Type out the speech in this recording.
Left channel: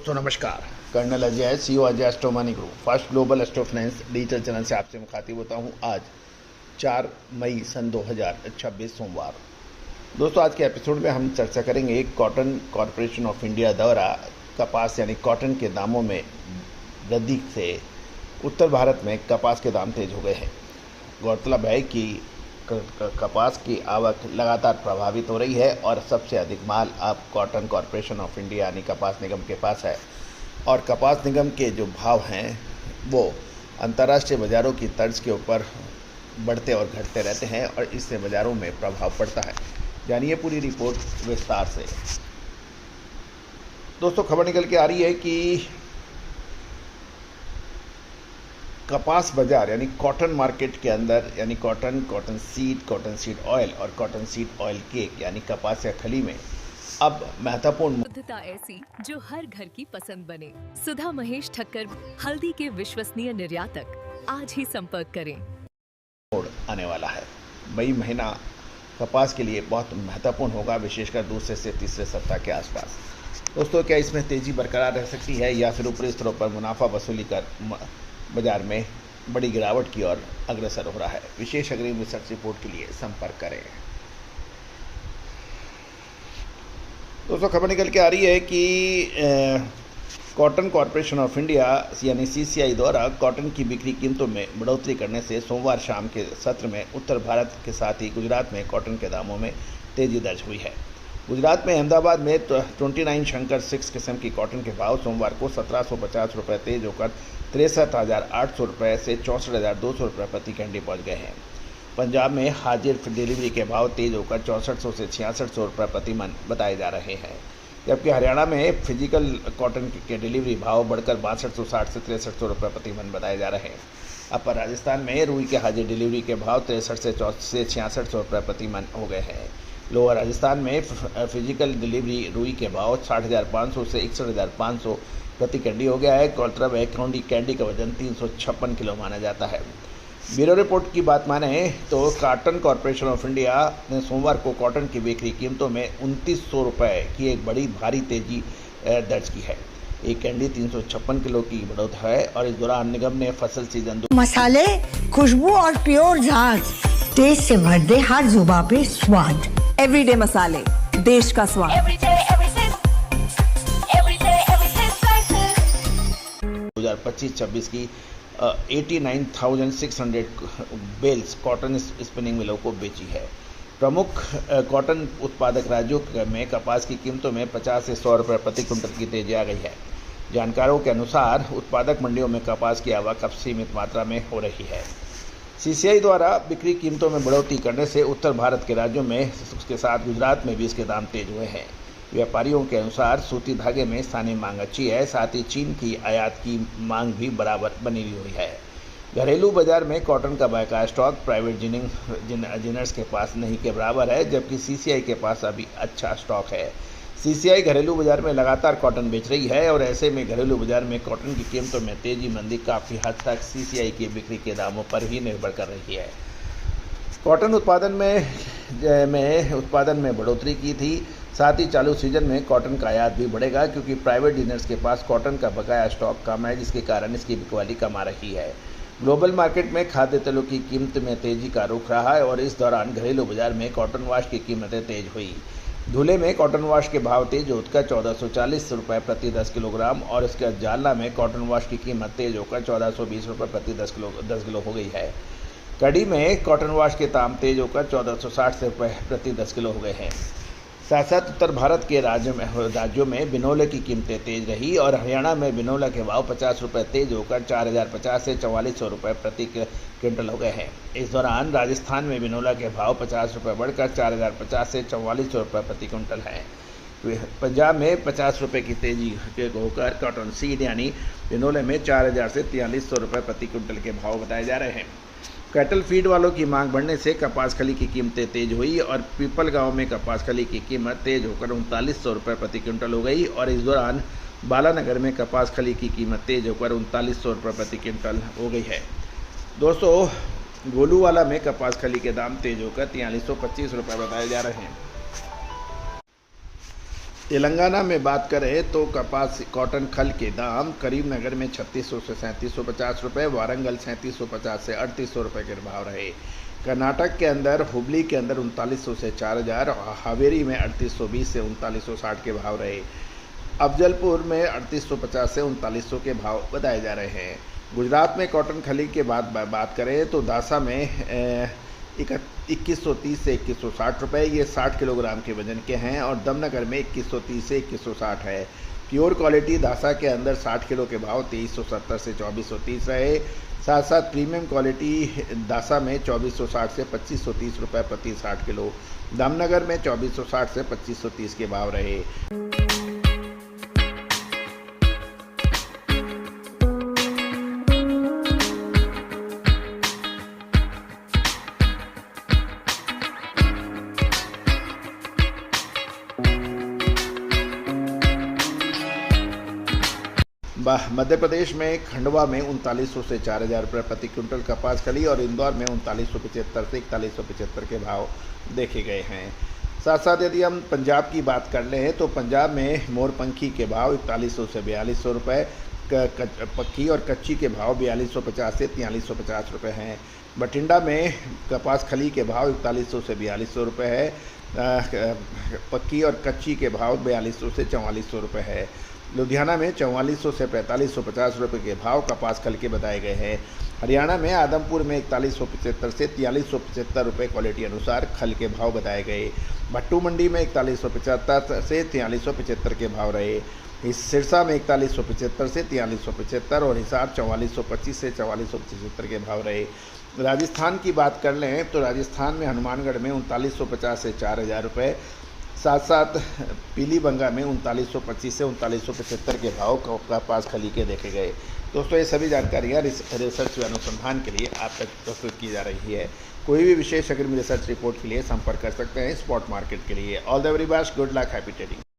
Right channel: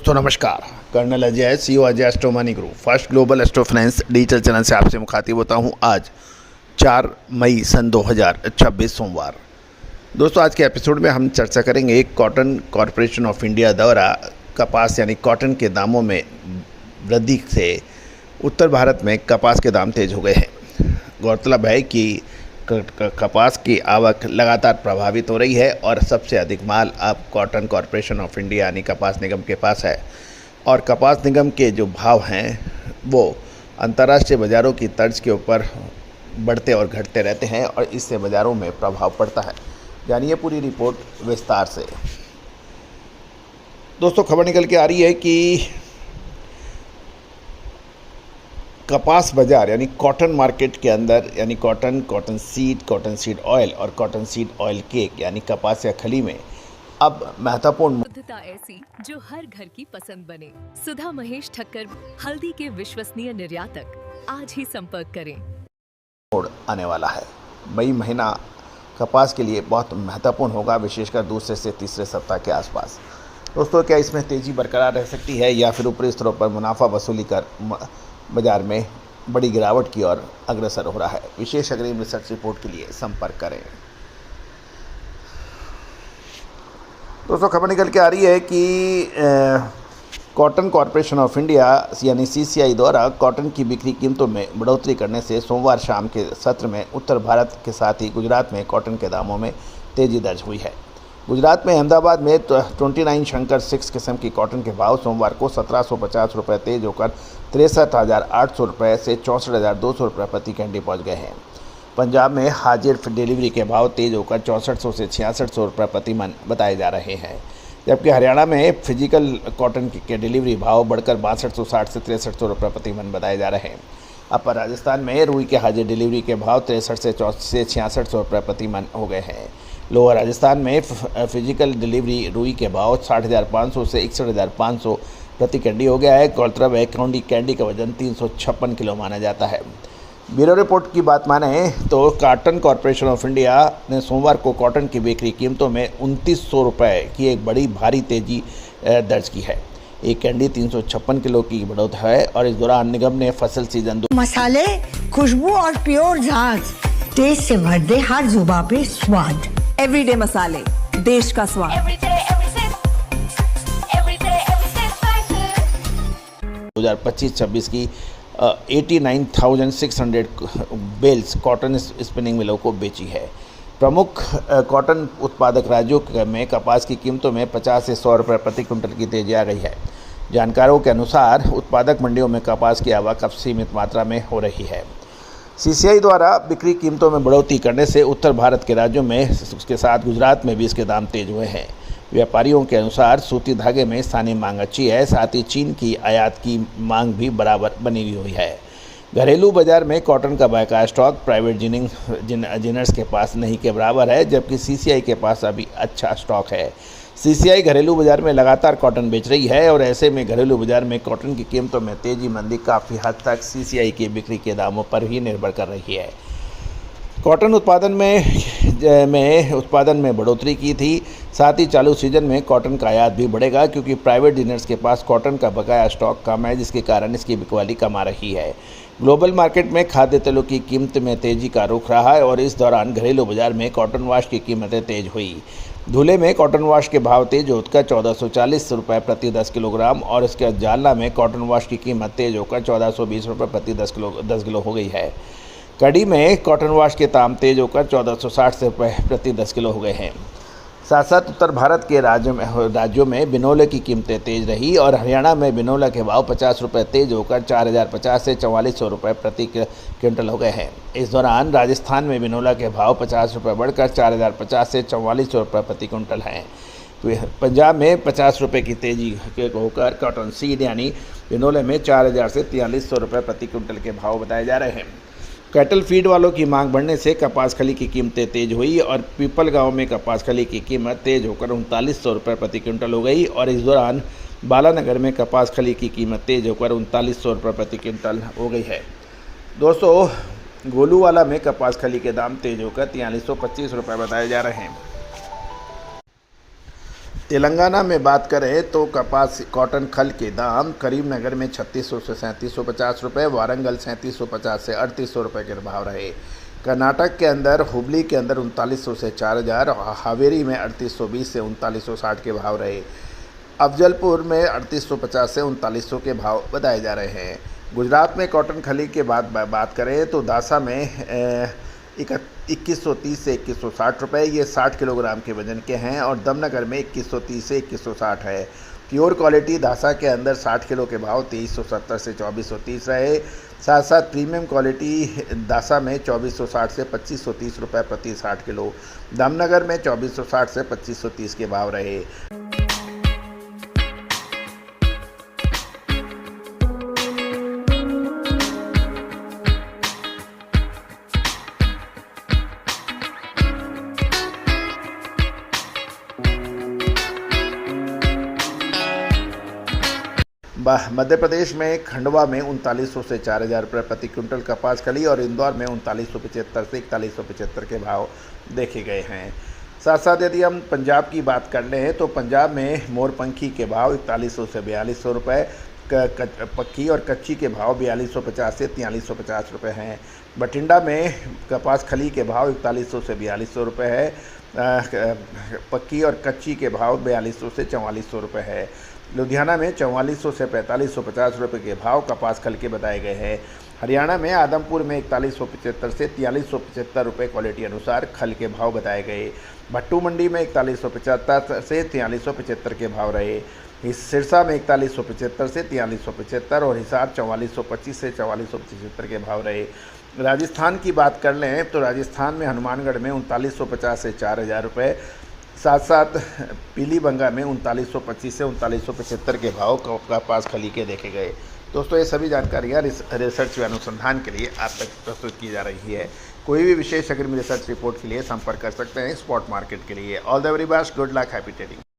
दोस्तों नमस्कार। Colonel Ajay, CEO Ajay astro money group first global astro finance digital channel से आपसे मुखातिब होता हूं। आज 4 मई सन 2026 सोमवार। दोस्तों आज के एपिसोड में हम चर्चा करेंगे कॉटन कॉरपोरेशन ऑफ इंडिया द्वारा कपास यानी कॉटन के दामों में वृद्धि से उत्तर भारत में कपास के दाम तेज हो गए हैं। गौरतलब है कि कपास की आवक लगातार प्रभावित हो रही है और सबसे अधिक माल अब कॉटन कॉरपोरेशन ऑफ इंडिया यानी कपास निगम के पास है और कपास निगम के जो भाव हैं वो अंतर्राष्ट्रीय बाज़ारों की तर्ज के ऊपर बढ़ते और घटते रहते हैं और इससे बाज़ारों में प्रभाव पड़ता है। जानिए पूरी रिपोर्ट विस्तार से। दोस्तों खबर निकल के आ रही है कि कपास बाज़ार यानी कॉटन मार्केट के अंदर यानी कॉटन सीड ऑयल और कॉटन सीड ऑयल केक यानी कपास या खली में अब महत्वपूर्ण शुद्धता ऐसी जो हर घर की पसंद बने। सुधा महेश ठक्कर, हल्दी के विश्वसनीय निर्यातक। आज ही संपर्क करें। मोड़ आने वाला है। मई महीना कपास के लिए बहुत महत्वपूर्ण होगा, विशेषकर दूसरे से तीसरे सप्ताह के आसपास। दोस्तों क्या इसमें तेज़ी बरकरार रह सकती है या फिर ऊपरी स्तरों पर मुनाफा वसूली कर बाजार में बड़ी गिरावट की ओर अग्रसर हो रहा है? विशेष अग्रिम रिसर्च रिपोर्ट के लिए संपर्क करें। दोस्तों खबर निकल के आ रही है कि कॉटन कॉरपोरेशन ऑफ इंडिया यानी सीसीआई द्वारा कॉटन की बिक्री कीमतों में बढ़ोतरी करने से सोमवार शाम के सत्र में उत्तर भारत के साथ ही गुजरात में कॉटन के दामों में तेजी दर्ज हुई है। गुजरात में अहमदाबाद में 29 शंकर 6 किस्म की कॉटन के भाव सोमवार को 1750 रुपये तेज होकर 63,800 रुपये से 64,200 रुपये प्रति कैंडी पहुँच गए हैं। पंजाब में हाजिर डिलीवरी के भाव तेज होकर 6400 से 6600 रुपये प्रति मन बताए जा रहे हैं, जबकि हरियाणा में फिजिकल कॉटन के डिलीवरी भाव बढ़कर 6260 से 6300 रुपये प्रति मन बताए जा रहे हैं। अपर राजस्थान में रुई के हाजिर डिलीवरी के भाव 63 से 6600 रुपये प्रति मन हो गए हैं। लोअर राजस्थान में फिजिकल डिलीवरी रुई के भाव 60,500 से 61,500 प्रति कैंडी हो गया है। गौरतलब है कैंडी का वजन 356 किलो माना जाता है। ब्यूरो रिपोर्ट की बात माने तो कॉटन कॉरपोरेशन ऑफ इंडिया ने सोमवार को कॉटन की बिक्री कीमतों में 2900 रुपये की एक बड़ी भारी तेजी दर्ज की है। एक कैंडी 356 किलो की बढ़ोतरी है और इस दौरान निगम ने फसल सीजन मसाले, खुशबू और प्योर झाग टेस्ट से भर दे हर जुबान पे स्वाद। एवरीडे मसाले, देश का स्वाद। 2025-26 की 89,600 बेल्स कॉटन स्पिनिंग मिलों को बेची है। प्रमुख कॉटन उत्पादक राज्यों में कपास की कीमतों में 50 से 100 रुपये प्रति क्विंटल की तेजी आ गई है। जानकारों के अनुसार उत्पादक मंडियों में कपास की आवक अब सीमित मात्रा में हो रही है। सीसीआई द्वारा बिक्री कीमतों में बढ़ोतरी करने से उत्तर भारत के राज्यों में उसके साथ गुजरात में भी इसके दाम तेज हुए हैं। व्यापारियों के अनुसार सूती धागे में स्थानीय मांग अच्छी है, साथ ही चीन की आयात की मांग भी बराबर बनी हुई है। घरेलू बाजार में कॉटन का बाकाया स्टॉक प्राइवेट जिनर्स के पास नहीं के बराबर है, जबकि सीसीआई के पास अभी अच्छा स्टॉक है। सीसीआई घरेलू बाजार में लगातार कॉटन बेच रही है और ऐसे में घरेलू बाजार में कॉटन की कीमतों में तेजी मंदी काफ़ी हद तक सीसीआई की बिक्री के दामों पर ही निर्भर कर रही है। कॉटन उत्पादन में बढ़ोतरी की थी, साथ ही चालू सीजन में कॉटन का आयात भी बढ़ेगा क्योंकि प्राइवेट डीलर्स के पास कॉटन का बकाया स्टॉक कम है, जिसके कारण इसकी बिकवाली कम आ रही है। ग्लोबल मार्केट में खाद्य तेलों की कीमत में तेजी का रुख रहा है और इस दौरान घरेलू बाजार में कॉटन वाश की कीमतें तेज हुई। धुले में कॉटन वाश के भाव तेज होकर 1440 रुपये प्रति 10 किलोग्राम और इसके बाद जालना में कॉटन वाश की कीमत तेज होकर 1420 रुपये प्रति 10 किलो हो गई है। कड़ी में कॉटन वाश के दाम तेज होकर 1460 रुपये प्रति 10 किलो हो गए हैं। साथ साथ उत्तर भारत के राज्यों में बिनोले की कीमतें तेज रही और हरियाणा में बिनोला के भाव 50 रुपये तेज होकर 4050 से 4400 रुपये प्रति क्विंटल हो गए हैं। इस दौरान राजस्थान में बिनोला के भाव 50 रुपये बढ़कर 4050 से 4400 रुपये प्रति क्विंटल हैं। पंजाब में 50 रुपये की तेजी होकर कॉटन सीड यानी बिनोले में 4000 से 4300 रुपये प्रति क्विंटल के भाव बताए जा रहे हैं। कैटल फीड वालों की मांग बढ़ने से कपास खली की कीमतें तेज हुई और पीपल गांव में कपास खली की कीमत तेज होकर 3900 रुपये प्रति क्विंटल हो गई और इस दौरान बालानगर में कपास खली की कीमत तेज होकर 3900 रुपये प्रति क्विंटल हो गई है। दोस्तों गोलूवाला में कपास खली के दाम तेज होकर 4325 रुपये बताए जा रहे हैं। तेलंगाना में बात करें तो कपास कॉटन खल के दाम करीमनगर में 3600 से 3750 रुपये, वारंगल 3750 से 3800 रुपये के भाव रहे। कर्नाटक के अंदर हुबली के अंदर 3900 से 4000, हावेरी में 3820 से 3960 के भाव रहे। अफजलपुर में 3850 से 3900 के भाव बताए जा रहे हैं। गुजरात में कॉटन खली के बाद बात करें तो दासा में 2130 से 2160 रुपये, ये 60 किलोग्राम के वजन के हैं, और दमनगर में 2130 से 2160 है। प्योर क्वालिटी दासा के अंदर 60 किलो के भाव 2370 से 2430 रहे। साथ साथ प्रीमियम क्वालिटी दासा में 2460 से 2530 रुपये प्रति 60 किलो, दमनगर में 2460 से 2530 के भाव रहे। मध्य प्रदेश में खंडवा में 3900 से 4000 रुपये प्रति क्विंटल कपास खली, और इंदौर में 3975 से 4175 के भाव देखे गए हैं। साथ साथ यदि हम पंजाब की बात कर लें तो पंजाब में मोरपंखी के भाव 4100 से 4200 रुपये, पक्की और कच्ची के भाव 4250 से 4350 रुपये हैं। बठिंडा में कपास खली के भाव 4100 से 4200 रुपये है, पक्की और कच्ची के भाव 4200 से 4400 रुपये है। लुधियाना में 4400 से 4550 रुपये के भाव कपास खल के बताए गए हैं। हरियाणा में आदमपुर में 4175 से 4375 रुपये क्वालिटी अनुसार खल के भाव बताए गए। भट्टू मंडी में 4175 से 4375 के भाव रहे। सिरसा में 4175 से 4375 और हिसार 4425 से 4475 के भाव रहे। राजस्थान की बात कर लें तो राजस्थान में हनुमानगढ़ में 3950 से 4000 रुपये, साथ साथ पीलीबंगा में 3925 से 3975 के भाव कपास खली के देखे गए। दोस्तों, ये सभी जानकारियाँ रिसर्च व अनुसंधान के लिए आप तक प्रस्तुत की जा रही है। कोई भी विशेष अग्रिम रिसर्च रिपोर्ट के लिए संपर्क कर सकते हैं स्पॉट मार्केट के लिए। All the very best, good luck, happy trading.